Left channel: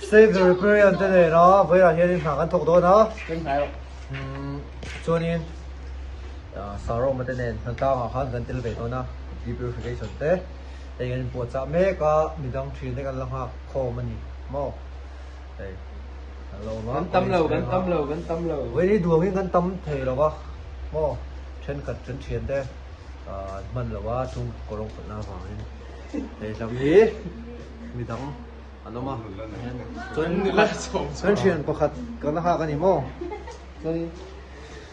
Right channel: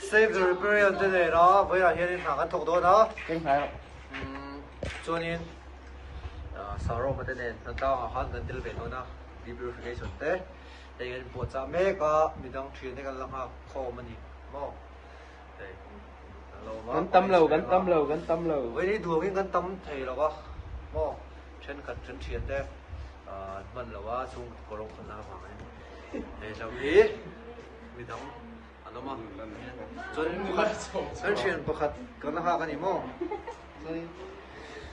Save the Riparian thế này đó, với là hiện thẳng ăn thuộc đó đó. Cho nên sau đó mà thế này thằng tao họ gần tiêu về thôi nó debrification thế. Đây cái bộ chả mấy có mình đang truyền cái lòng học khô mà nhỉ, mò. Đây, lâu mà. Vẫn tâm lầu. Với đi đuổi cái tâm thì là có, mò. Trên cật trên truyền thế, mình làว่าchung cổ long phật la vàng này. Đây làm gì? Mình đang ano mo? So kan siyan pakat kan nakaka ni mo. So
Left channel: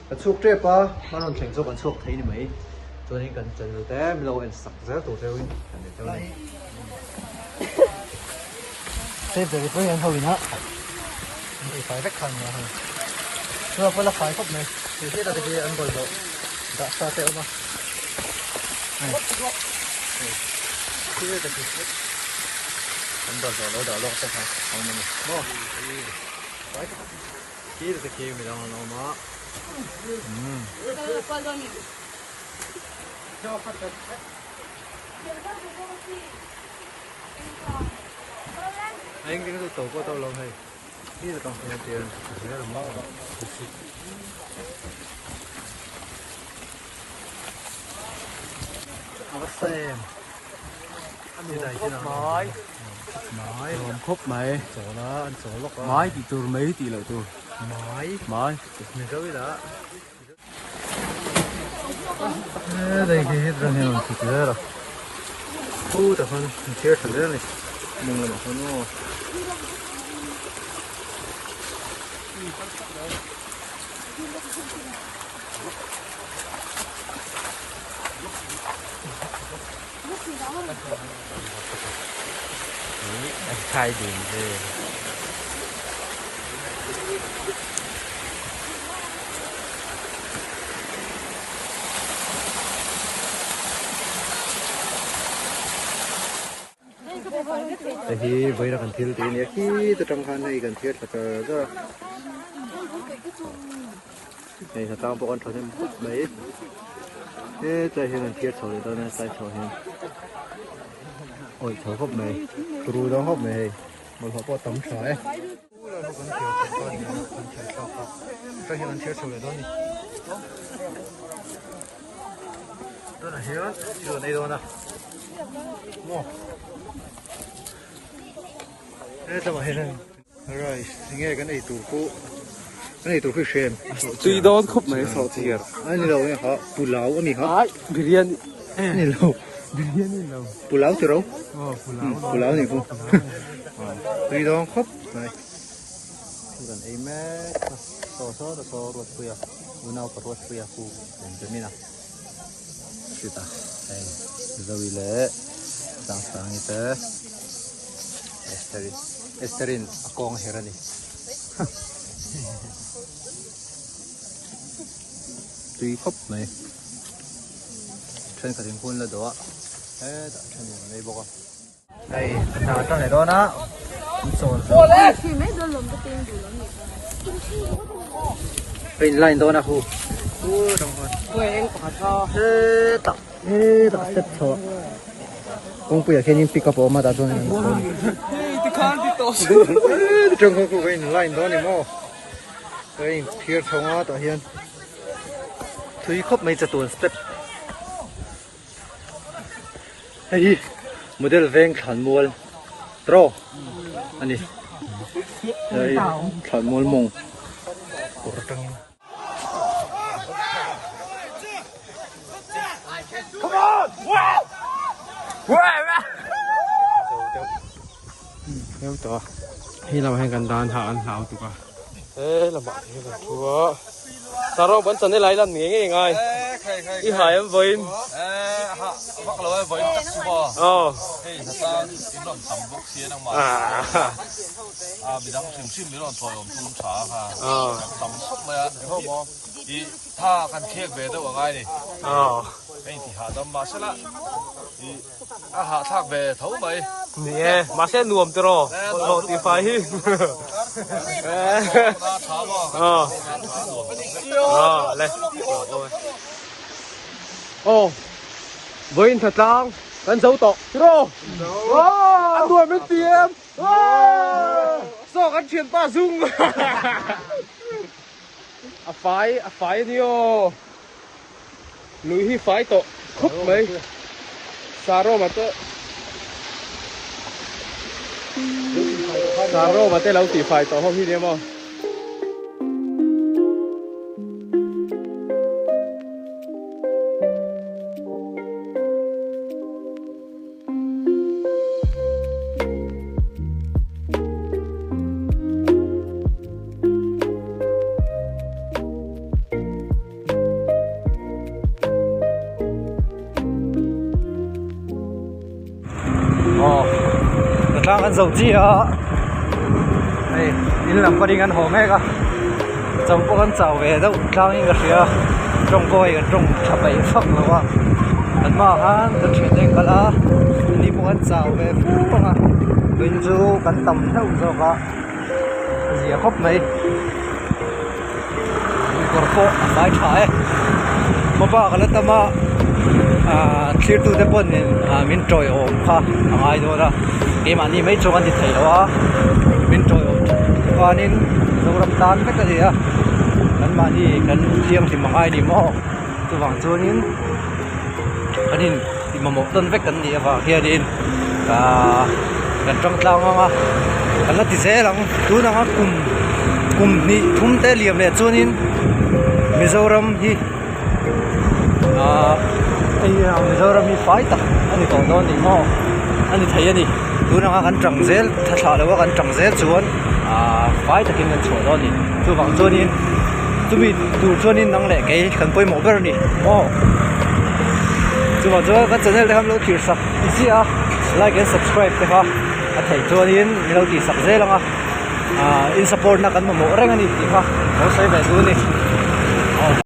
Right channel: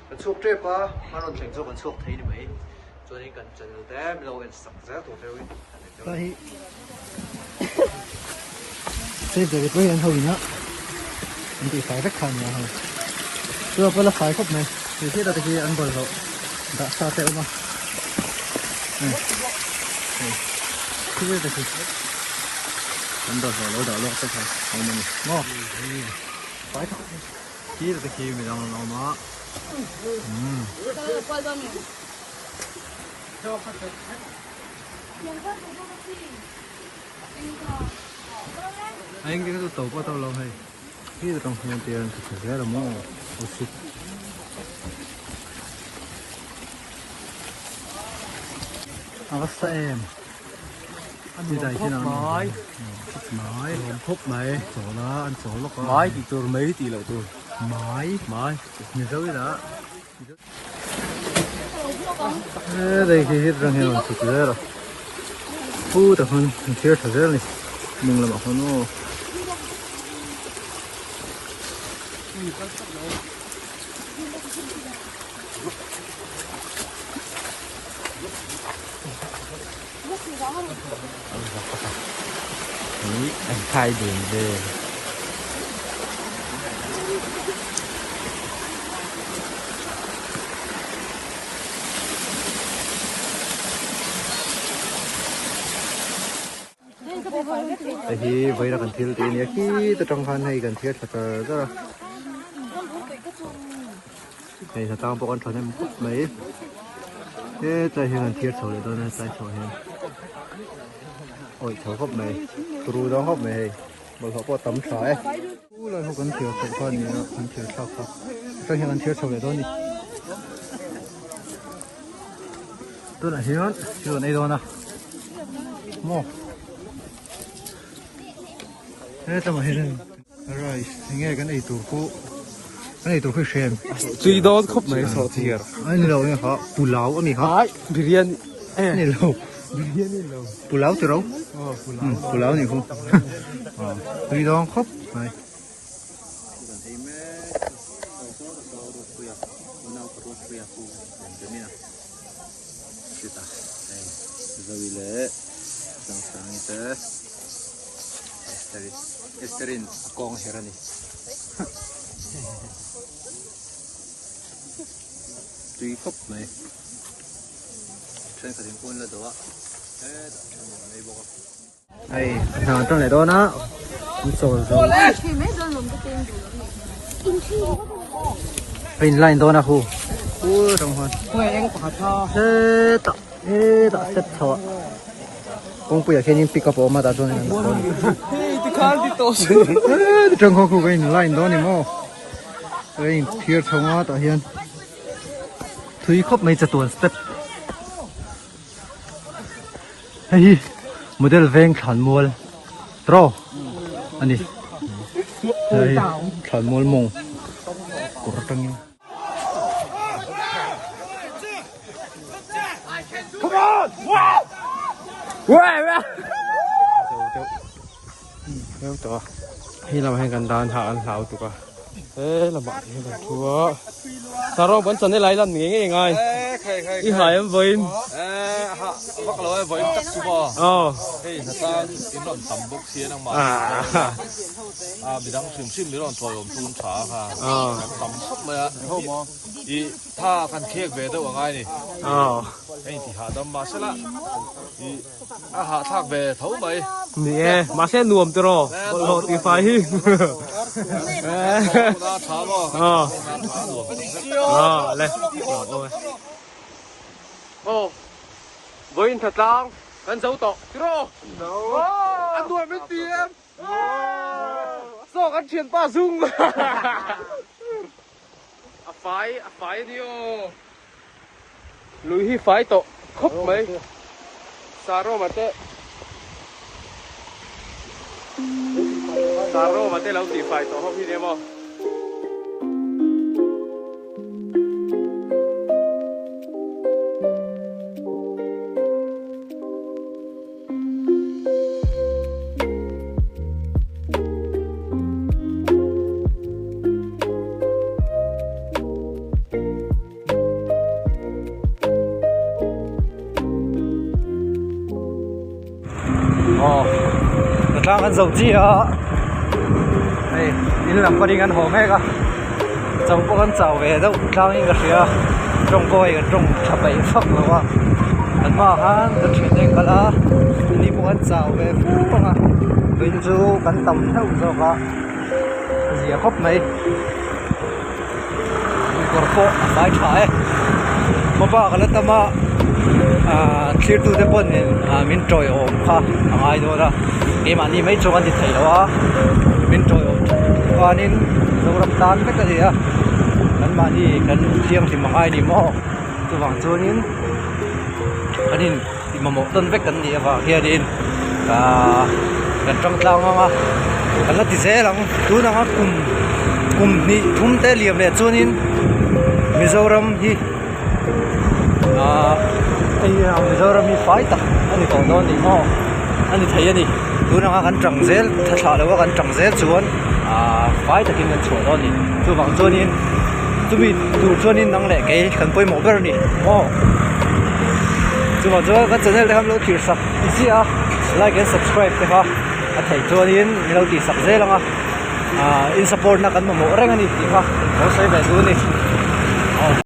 kan suk tre pa manon theng so kan suk thei ni mai. So ni kan chen te mlo en sak za to te win kan ne chau. Save the Riparian thôi nhá. Mình chỉ phải rất khăn nha. Chưa có là khai khóc này. Mình thấy là cái ăn còn rồi. Đã xa theo mà. Này. Không biết được. Anh đào vào đào lót cái này, còn mình, ngon, phải không? Kia là kia mình làm nó, anh cái tổ có tao làm này, kia là trong phòng tiền thì phải là món, sao em, anh gì đây thế nào? Mái phúc mày chỗ nó ăn chỗ nó mái thì tôi mấy tỷ lẩu tôi mái mình sao cái đó đây cái hết rồi nhiều thì cứ rồi ô tập hơn mình chơi thử ra này mình làm hơn nó anh khai gì về thì với là cần thiếu tiền nhé khi tôi trong phần này cần thiếu thật là này là tao bọn con em mấy thế đây hiện cần thiếu sổ để tôi đang sai sổ thì ôi thở hộp này tôi đó hộp này một hộp có tấm sỏi là hộp cần thiếu sổ con này cần thiếu sổ không đây hiện cần thiếu sổ để tôi tôi là hiện chưa đây đâu nè mò thế tao hiện đây rồi nghe cái này tủ phố cái này tủ phải xem truy đó anh đâu nhỉ họ bùn láo anh hả đi điên đi đâu bùn láo từ đâu phụ láo thì không đi đó khóc này gần ấy mẹ so ruột bia nào có ruột bia phụ đến cái mình à chị ta đây rồi lẽ sáng như thế Esterin akong herani tùy khóc này trên cả thành quân là đó đấy trên này bọc đây nào trong này đó nó sồn bên lại đó là khu đồng hơn tạo chất thọ công việc khi nhìn pick up mà đã rồi này thì khăn thì tốt trong khu vực bên lại đó này mà đây thiệt thong á tại hiện tùy khóc mấy chục tuần step đây model veng khăn mua pro anh đi tôi tạo tăng theo tổ khi nào hay gần đàn hảo tụi con sao nó vẫn còn đi lấy lần nghỉ ngay đi hải em với bắt lỗi với tắc super hey thật ra cái đoạn tầm bốc xía đang mà bị đang sim bị đoạn thôi ông tuôn xả ha tầm thấp mà ý tha cần kia về đâu ngay đi hey thì hạ đâm mà sẽ là hạ thác về thấu mày nè mà sẽ nuông từ rồi thì phải na thả vào với thật trang cần dấu tộc chứ đâu ăn đuổi bên tiền ăn chuyện ba dung à phải đi ô lùi hi phải tổ khóc mấy Saro mà te lâu tỷ phải tổ không hi đi mà đang ăn dầu chi à đây in làm qua đi ăn hồ ngay cả trong có ăn chảo về đâu đang in cái gì à trong coi cái trong chập bể phật rồi quá ăn mà han cái chuyện này cả là đi mua ăn chảo về phú mà bên du cắn tầm đâu rồi cả gì khóc mấy còn phố phải trái mà ba cái là tao mà clear to the point min troi om kha angai do ra ke mani mai chongan ti thei lawa min troi om kanin zoram tan ka ri a kan mani kan thiam ti mangai ni mo tu wang chunin kanin ti mamok ton vek kan ni awa hian in kan tang tlang anga kan la ti se lang tu na nga kum ni thum te liam le chunin Mizoram hi Mizoram hi phải ta anh còn đó thì mo anh thấy anh đi tôi đang ăn trăng dế thật là đâu ăn trăng dế chuan phải ta kinh nghiệm chuan đó đi tôi bằng chuan in tôi bị tôi chuan in năng lệ cái cần bơi mỏ bên đi mo tôi bằng chuan cái channel này ham lâu kỹ sắp easy à like and subscribe thế ha thấy chuan in lâu kỹ sắp dễ lắm in support na kan mo reng ani ti ha nó sẽ về tôi đi